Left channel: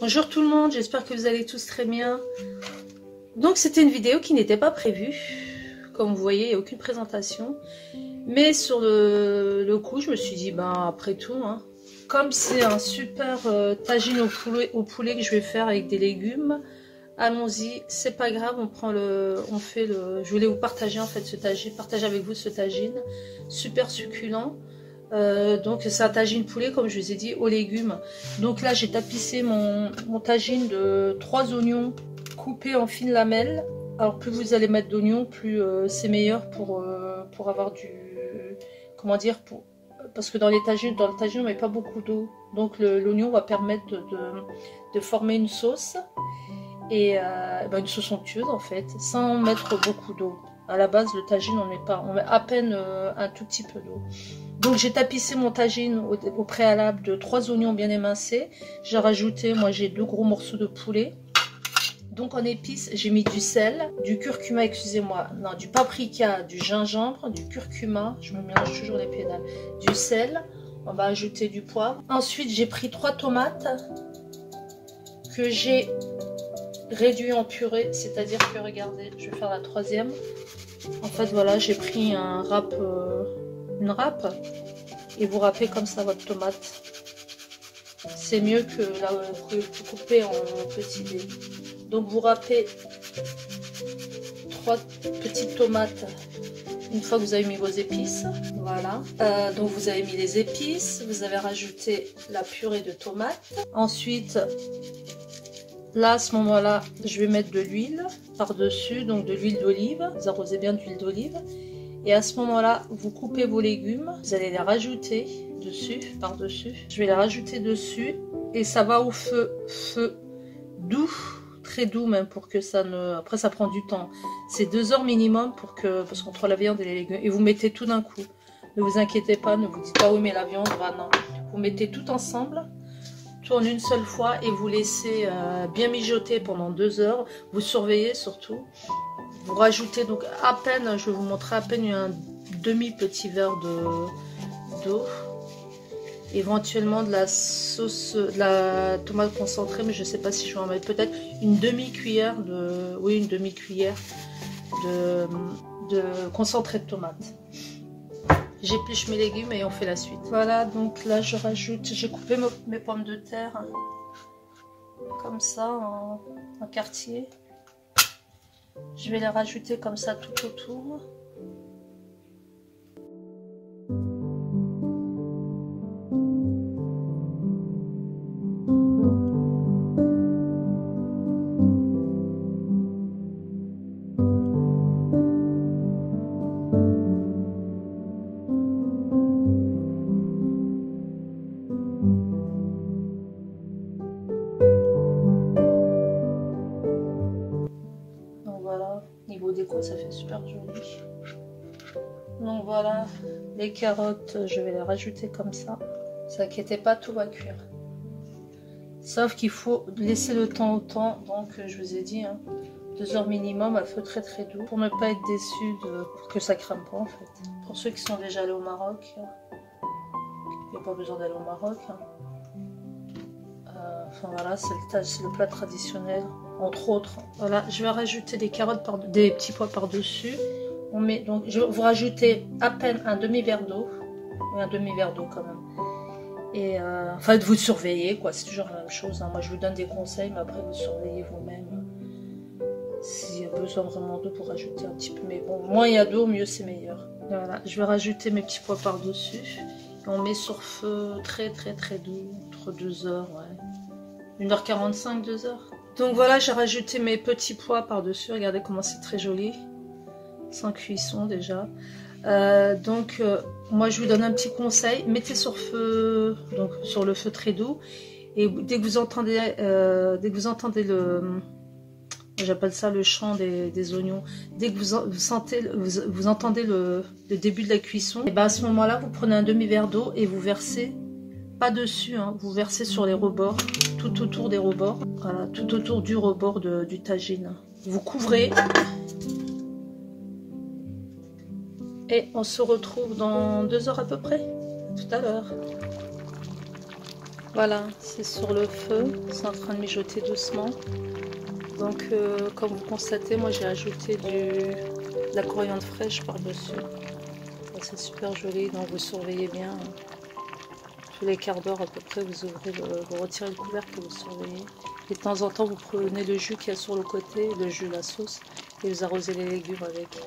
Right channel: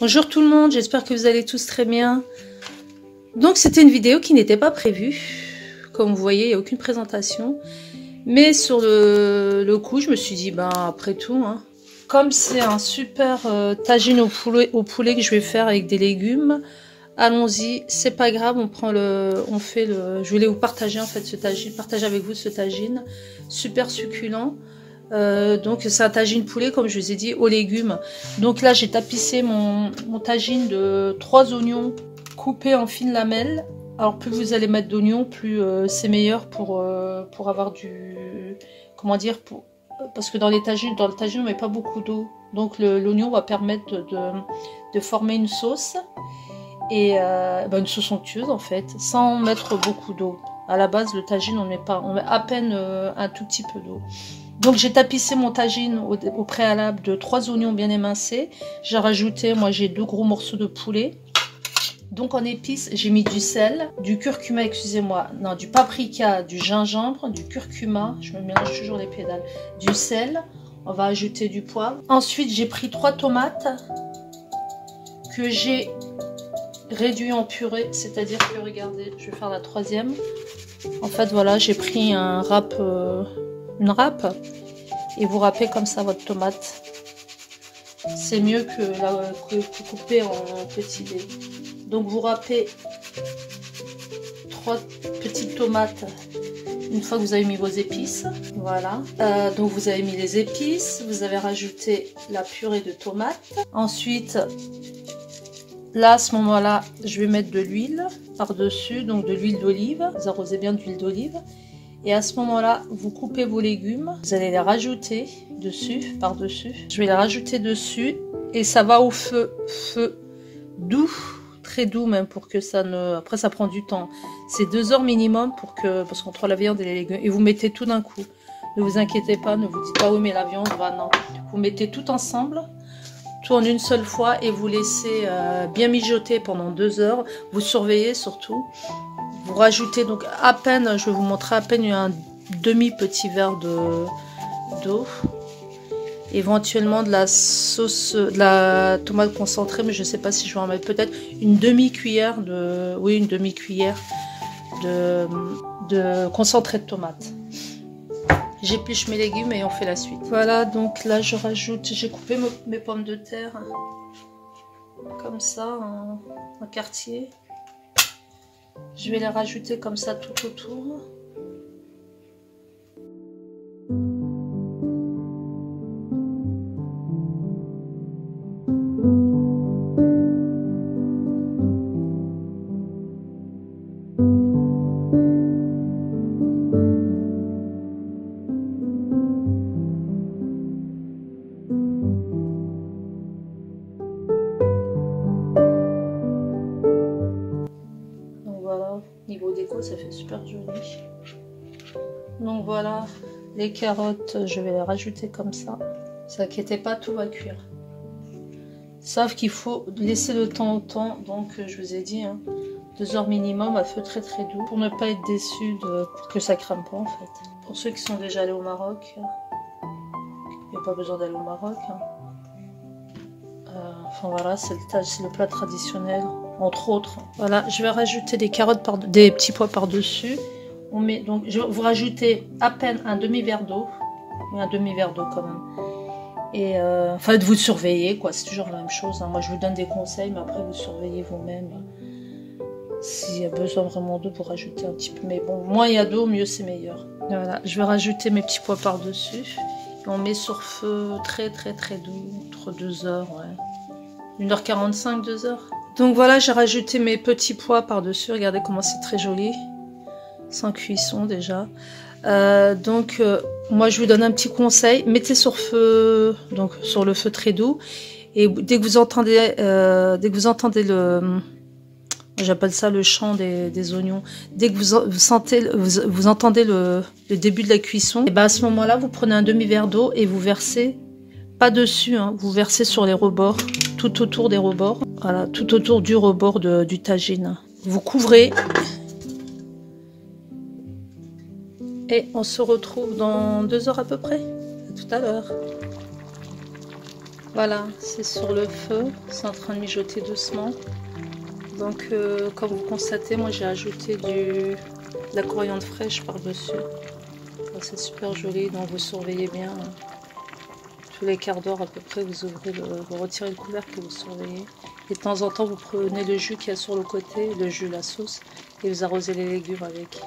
Bonjour tout le monde, j'espère que vous allez tous très bien. Donc c'était une vidéo qui n'était pas prévue. Comme vous voyez, il n'y a aucune présentation. Mais sur le coup, je me suis dit, ben après tout, hein, comme c'est un super tagine au poulet que je vais faire avec des légumes, allons-y, c'est pas grave, je voulais vous partager en fait ce tagine, partager avec vous ce tagine, super succulent. Donc c'est un tagine poulet comme je vous ai dit aux légumes. Donc là j'ai tapissé mon tagine de 3 oignons coupés en fines lamelles. Alors plus vous allez mettre d'oignons, plus c'est meilleur pour avoir du, comment dire, parce que dans le tagine on met pas beaucoup d'eau. Donc l'oignon va permettre de former une sauce. Et une sauce onctueuse en fait, sans mettre beaucoup d'eau. À la base, le tagine, on met à peine un tout petit peu d'eau. Donc j'ai tapissé mon tagine au préalable de 3 oignons bien émincés. J'ai rajouté, moi j'ai 2 gros morceaux de poulet. Donc en épices, j'ai mis du sel, du curcuma, excusez-moi, non, du paprika, du gingembre, du curcuma, je me mélange toujours les pédales, du sel, on va ajouter du poivre. Ensuite, j'ai pris 3 tomates que j'ai réduit en purée, c'est-à-dire que regardez, je vais faire la 3e. En fait voilà, j'ai pris une râpe et vous râpez comme ça votre tomate. C'est mieux que couper en petits dés. Donc vous râpez 3 petites tomates une fois que vous avez mis vos épices. Voilà. Donc vous avez mis les épices, vous avez rajouté la purée de tomates. Ensuite, là, à ce moment-là, je vais mettre de l'huile par-dessus, donc de l'huile d'olive. Vous arrosez bien d'huile d'olive. Et à ce moment-là, vous coupez vos légumes. Vous allez les rajouter dessus, par-dessus. Je vais les rajouter dessus. Et ça va au feu doux, très doux même, pour que ça ne... Après, ça prend du temps. C'est 2 heures minimum parce qu'entre la viande et les légumes. Et vous mettez tout d'un coup. Ne vous inquiétez pas, ne vous dites pas, oui, mais la viande, bah non. Vous mettez tout ensemble. Tout en une seule fois et vous laissez bien mijoter pendant 2 heures. Vous surveillez surtout. Vous rajoutez donc à peine, je vais vous montrer à peine un demi-petit verre d'eau. Éventuellement de la sauce, de la tomate concentrée, mais je ne sais pas si je vais en mettre. Peut-être une demi-cuillère une demi-cuillère de concentré de tomate. J'épluche mes légumes et on fait la suite. Voilà, donc là je rajoute, j'ai coupé mes pommes de terre comme ça en quartier. Je vais les rajouter comme ça tout autour. Niveau déco, ça fait super joli. Donc voilà, les carottes, je vais les rajouter comme ça. Ne vous inquiétez pas, tout va cuire. Sauf qu'il faut laisser le temps au temps. Donc je vous ai dit, 2 heures minimum à feu très très doux. Pour ne pas être déçu, pour que ça crame pas en fait. Pour ceux qui sont déjà allés au Maroc, il n'y a pas besoin d'aller au Maroc. Enfin voilà, c'est le plat traditionnel. Entre autres, voilà, je vais rajouter des carottes, des petits pois par-dessus. On met donc, vous rajoutez à peine un demi-verre d'eau, un demi-verre d'eau quand même. Et enfin, vous surveillez quoi, c'est toujours la même chose. Moi, je vous donne des conseils, mais après vous surveillez vous-même. S'il y a besoin vraiment d'eau, pour rajouter un petit peu. Mais bon, moins il y a d'eau, mieux c'est meilleur. Voilà, je vais rajouter mes petits pois par-dessus. On met sur feu très très très doux, entre 2 heures, ouais. 1h45, 2 heures. Donc voilà, j'ai rajouté mes petits pois par-dessus. Regardez comment c'est très joli. Sans cuisson déjà. Moi je vous donne un petit conseil. Mettez sur feu, donc sur le feu très doux. Et dès que vous entendez, le... J'appelle ça le chant des oignons. Dès que vous entendez le début de la cuisson, et ben à ce moment-là, vous prenez un demi-verre d'eau et vous versez, pas dessus, vous versez sur les rebords, tout autour des rebords. Voilà, tout autour du rebord du tagine. Vous couvrez. Et on se retrouve dans 2 heures à peu près. À tout à l'heure. Voilà, c'est sur le feu, c'est en train de mijoter doucement. Donc comme vous constatez, moi j'ai ajouté de la coriandre fraîche par-dessus. C'est super joli, donc vous surveillez bien. Tous les quarts d'heure à peu près, vous ouvrez vous retirez le couvercle et vous surveillez. Et de temps en temps, vous prenez le jus qu'il y a sur le côté, le jus, la sauce, et vous arrosez les légumes avec.